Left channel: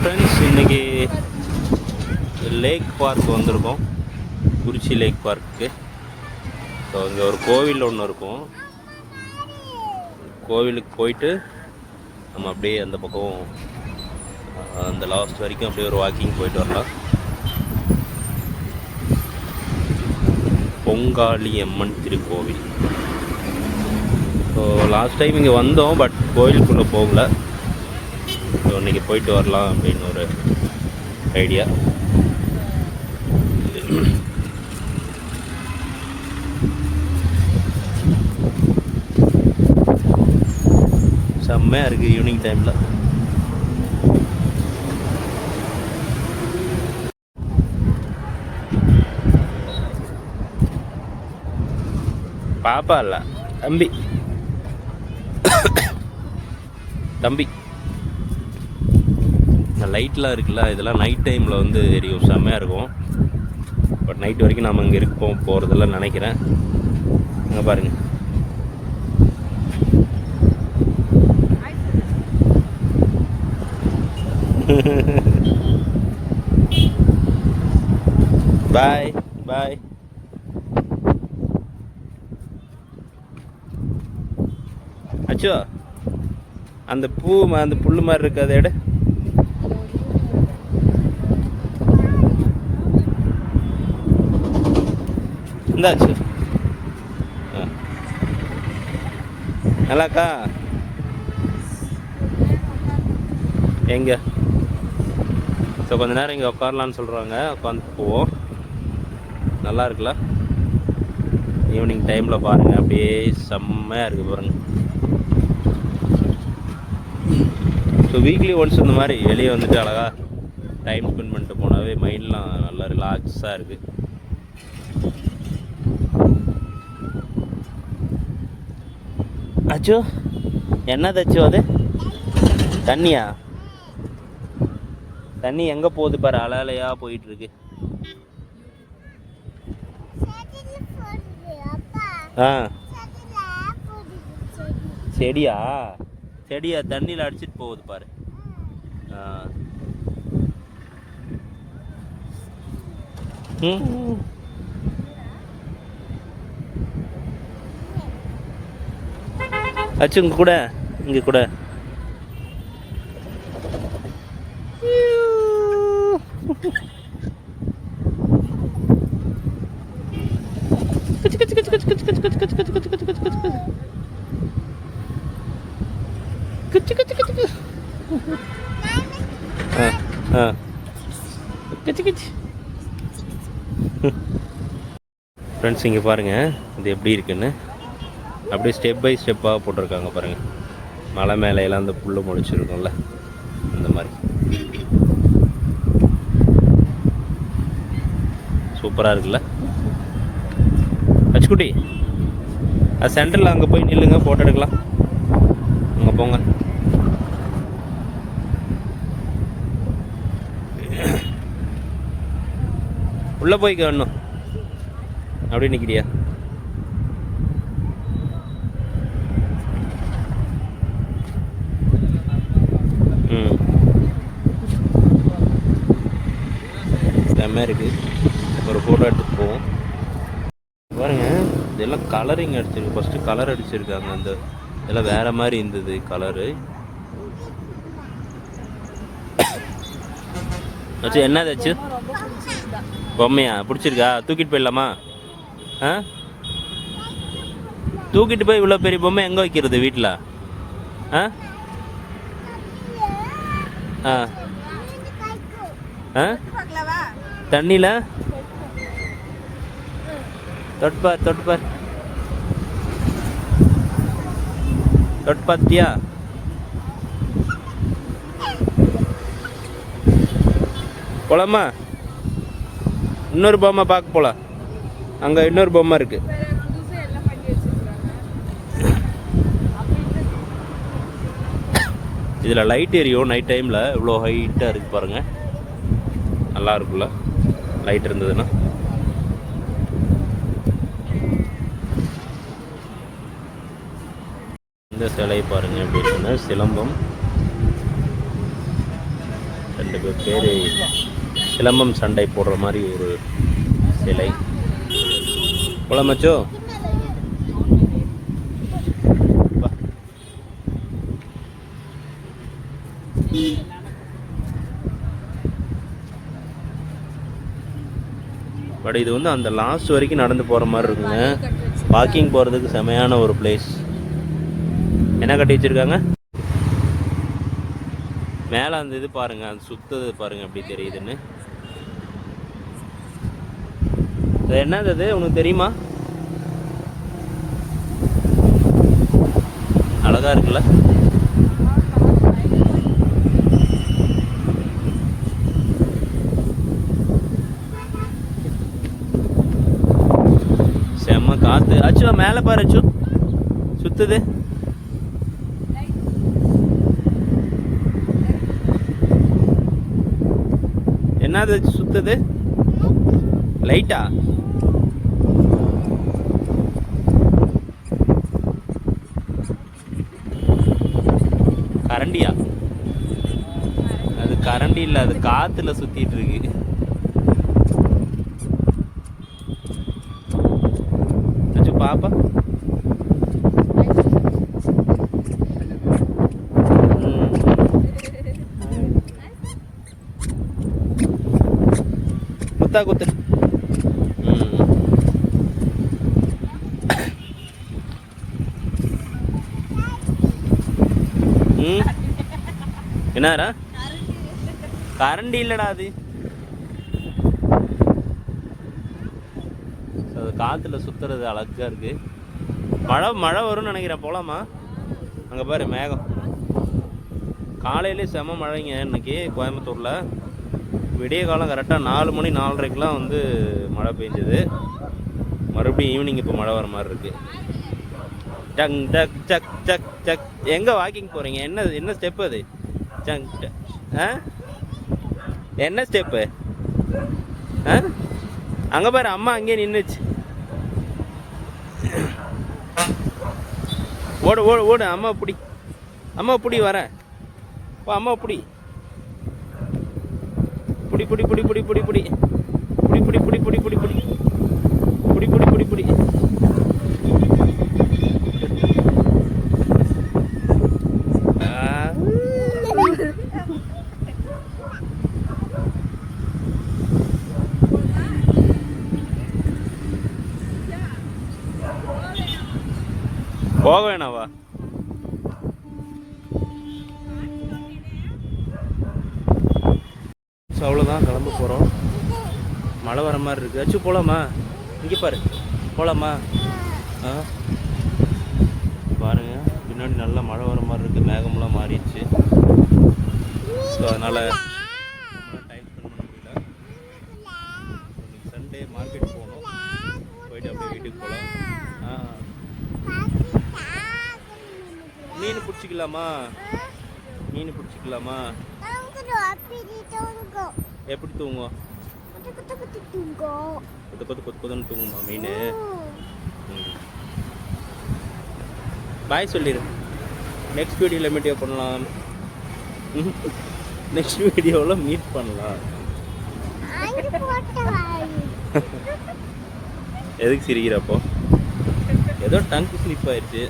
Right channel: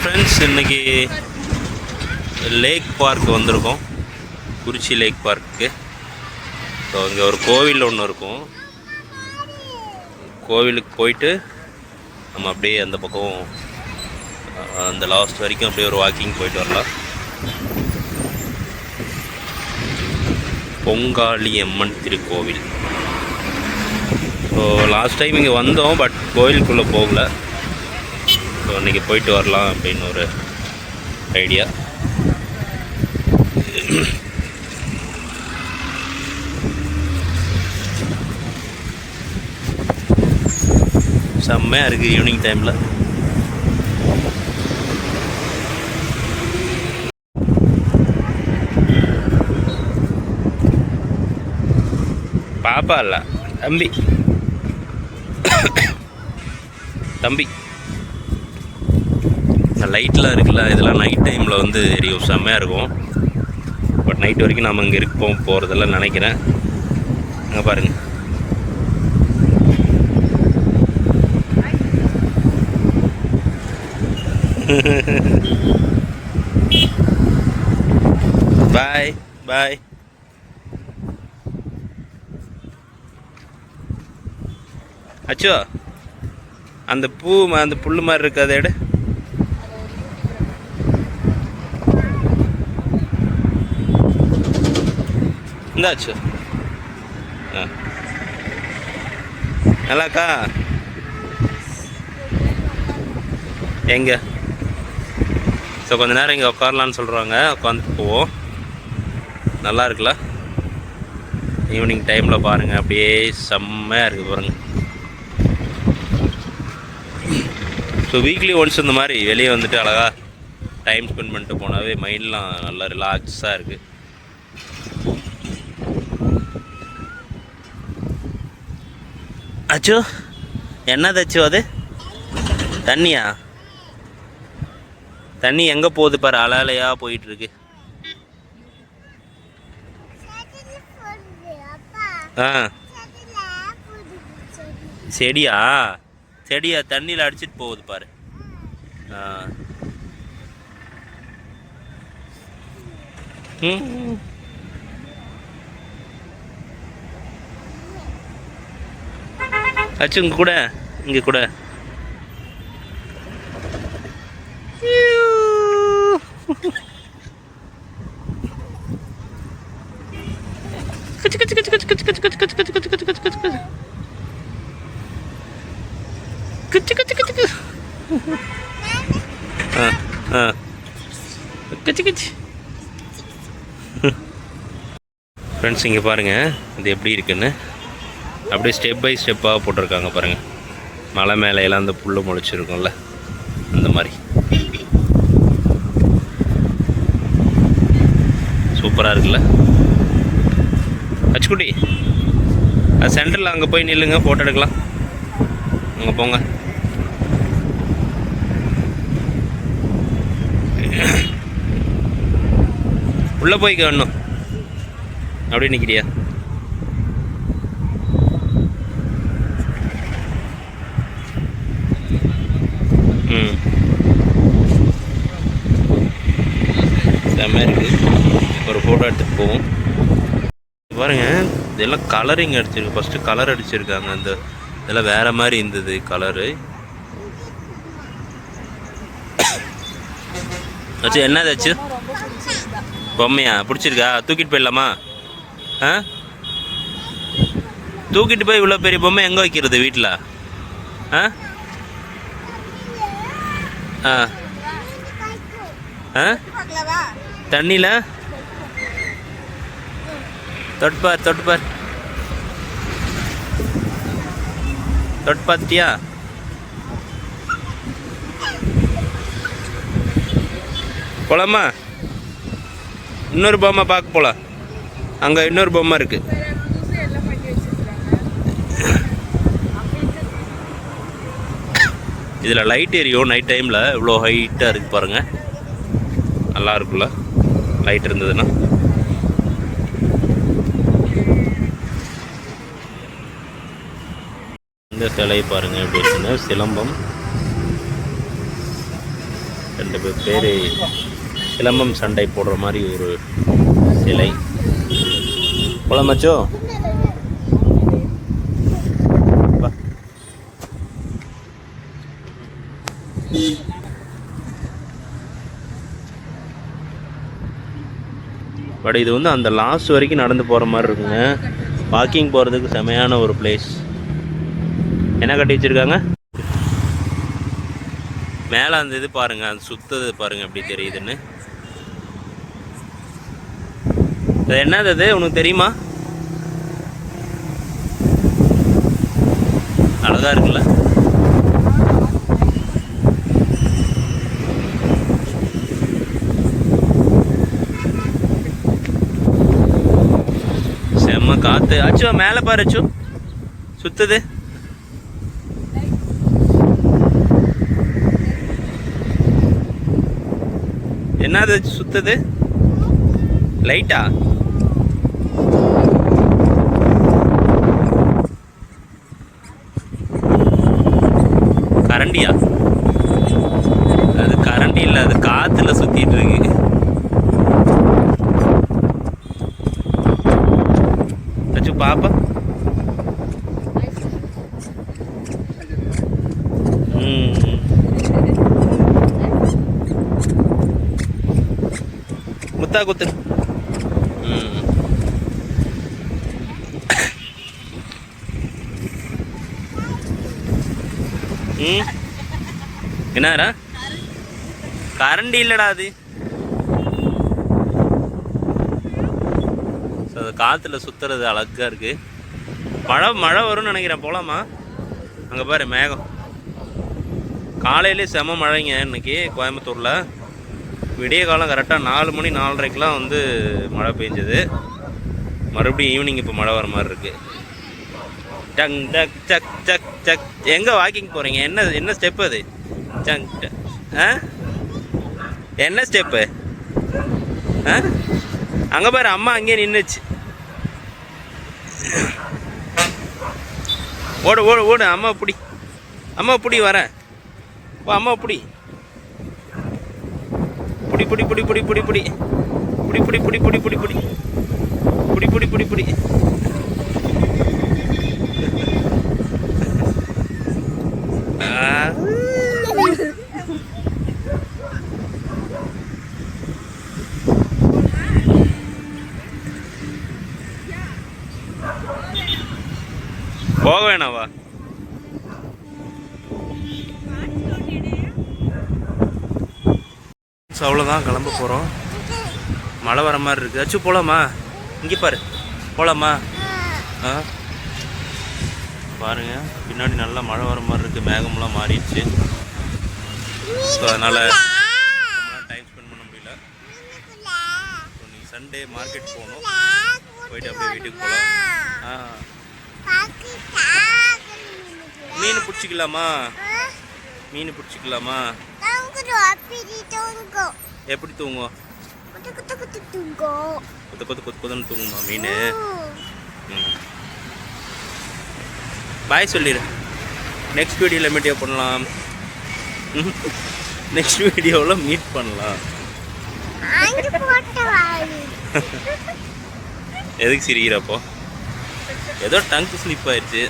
Friends, இன்றைக்கி lakh park வந்திருக்கோம். குறிச்சி lakh park. So இங்கே ஒரு கோவில் ஒன்று இருக்கும். கோவிலுக்கு போயிட்டு நம்ம அப்படியே அந்த பக்கம் அந்த லாஸ்ட் வரைக்கும் அப்படியே ஒரு வாக்கிங் போயிட்டு வரலாம். பொங்காளி அம்மன் திருக்கோவில். ஸோ லாஸ்ட் டைம் இங்கே வந்தோம், பட் கோவிலுக்குள்ளே போகல. ஸோ இன்றைக்கி போயிட்டு வரலாம் அப்படின்னு ஒரு ஐடியா. செம்மையாக இருக்குது ஈவினிங் டைமில். பாப்பா இல்லை, தம்பி தம்பி. லைட்லாம் இருக்குல்ல, இதெல்லாம் நைட் டைமில் வந்து எரியும், செம்மையாக இருக்கும். பட் நைட் வரைக்கும் நம்ம இங்கே போகிறதெல்லாம் நினைக்கிறேன். அங்கே பாருங்கள். பாய் பாய். அச்சோ, அந்த அந்த புல் மாதிரி இருக்கு, அதை எடு. இந்தாச்சு. நல்லாக்கா? எங்கே? ஸோ கொஞ்சம் நேரம் இங்கே உட்காரலான்னு சொல்கிறாங்க. உட்காந்துட்டு போவோம். நல்லா இருக்குல்ல? ஈவினிங் டைமில் பாருங்கள், அப்படியே செம்மையாக இருக்குது பாருங்கள். ஸோ வீக்லி ஒன்ஸ் இந்த மாதிரி வெளியே வந்துட்டு அழகாக டைம் ஸ்பெண்ட் பண்ணிட்டு போனாவே மைண்ட்லாம் நல்லா ரிலாக்ஸாக இருக்குது. அச்சோ, என்னதாச்சோ அது? தண்ணியா? தண்ணி எங்கே போகுது பாரு, அலையாக போயிட்டுருக்கு. ஆ, செடியா? செடியா தண்ணியில் அடிச்சிட்டு போகுது பாரு. ஆ, அச்சு இங்கே கூட, இங்கே கூட. ஃப்ரெண்ட்ஸ், இங்கே பாருங்கள் இது எப்படி இருக்குன்னு. அப்படியே ஸ்டெப் பை ஸ்டெப்பாக போட்டிருக்காங்க பாருங்கள். மலை மேலையெல்லாம் அந்த புல் முளைச்சிருக்கும்ல, அந்த மாதிரி சூப்பராக இருக்குல்ல. அச்சுக்குட்டி, அது சென்டரில் அங்கே போய் நில்லுங்க, ஃபோட்டோ எடுக்கலாம். அங்கே போங்க. உள்ளே போய்க்க வேணும். அப்படியே நிற்கிறியா? செம்மையாக இருக்குது. ஒரு ஃபோட்டோ எடுத்துகிட்டு போவோம். பாருங்கள், இதெல்லாம் கலரிங் அடிச்சிருக்கு. ஃபஸ்ட்டு கலர் அடிச்சிருக்காங்க. அந்த இதெல்லாம் வேறு மாதிரி இருந்தது கலரு. ஆச்சு என்னதாச்சு? பொம்மையா பிடிச்சிருக்கா? தூக்கிட்டு போயிடலாமா? ஆ, தூக்கிட்டு போய் இவ்வளோ பெரிய பொம்மை எங்கே வைக்கிறது வீட்டில்? ஆ ஆ ஆ, தண்ணியில் தொட்டுப்பார், தொட்டுப்பார், தொட்டு பார்த்தியா? போலாமா? இன்னொரு பொம்மை பார்க்க போகலாம். அங்கே இன்னொரு பொம்மை இருக்குது. இதில் லைட் எரியும் நைட் டைமில். இவ்வளோ ஹைட்டாக இருக்குது பாருங்கள். நல்லா இருக்குல்ல லைட் இருந்ததுன்னா. இந்த சிலை பாருங்கள் எப்படி இருக்குன்னு. சிலம்பம் 2 பேர் சிலம்பம் சண்டை போடுற மாதிரி ஒரு சிலை. போலாமாச்சோ? பட் இது வந்து அந்த லாஸ்ட் வரைக்கும் நடந்து போகிற மாதிரி இருக்குங்க. வாக்கிங் போகிறதுக்கு செமையான ஒரு பிளேஸ். என்ன கட்டி வச்சுருக்காங்க மேலே அந்த இது பாருங்கள், அந்த சுத்தது பாருங்கள் எப்படி தெரியுதுன்னு. அது என்னது அது உனக்கு தெரியுமா? அழகாக இருக்குல்ல? செம்ம காற்று. அச்சோ மேலே பாரு, அச்சோ சுத்துது. என்னது சுத்துது? லைட்டா? கரண்டியா? அது கரண்டி இல்லை, அது காத்துல சுத்திட்டு இருக்கு. அச்சு பாப்பா. முத்தா குத்து. என்னடா கரண்டி இல்லடா அது. அது காத்துல சுத்துறது அழகா இருக்கு. மழை வரும்னு நினைக்கிறேன். போலாமா? அங்க பாரு மேகம். காலையிலே செம மழைங்க இன்னைக்கு கோயம்புத்தூர்ல. விடிய காலம் கரெக்டாக 4 மணி 4:30க்கெலாம் வந்து மழை பெஞ்சது. மறுபடியும் ஈவினிங் இப்போ மழை வர மாதிரி இருக்குது. டங் டக் சக் சக் சக். எங்கே வாக்கிங் போகிறீங்க? என்ன ஸ்டெப்பு அது? சங் ஆ என்ன ஸ்டெப்பு? ஆ அங்கே பாரு அம்மா அங்கேயே நின்றுச்சு. ஓடு ஓடு ஓடு. அம்மா பிடி, அம்மா பிடி, வரேன். அம்மா பிடி, புடி புடி புடி புடி புடி புடி புடி புடி புடி புடி புடி புடி புடி புடி புடி புடி. போக வேணாவா? அவ்வளோதான், கிளம்ப போகிறோம். மழை வர மாதிரி இருக்குது. அச்சு போகலாமா? இங்கே பாரு, போகலாமா? ஆ பாருங்க பின்னாடி நல்லா மழை வர மாதிரி இருக்குது. மேகமெல்லாம் மாறிடுச்சு. ஸோ அதனால் டைம் ஸ்பெண்ட் பண்ண முடியல. இன்னைக்கு சண்டே மார்க்கெட் போகணும். போயிட்டு அப்படியே வீட்டுக்கு போகலாம். மீன் பிடிச்சிக்கலாமா? மீன் பிடிச்சிக்கலாமா? எப்படி தூங்கும்? கொத்து கொத்து கொத்து கொத்துன்னு தூங்குமா மீன்? பாய் சொல்லிடு. நெக்ஸ்ட் வீடியோவில் மீட் பண்ணலாம். நெக்ஸ்ட் வீடியோவில் மீட் பண்ணலாம். எதுக்கு சிரிக்கிறப்போ? ஏதோ டங்க் ஸ்லிப் ஆயிடுச்சு.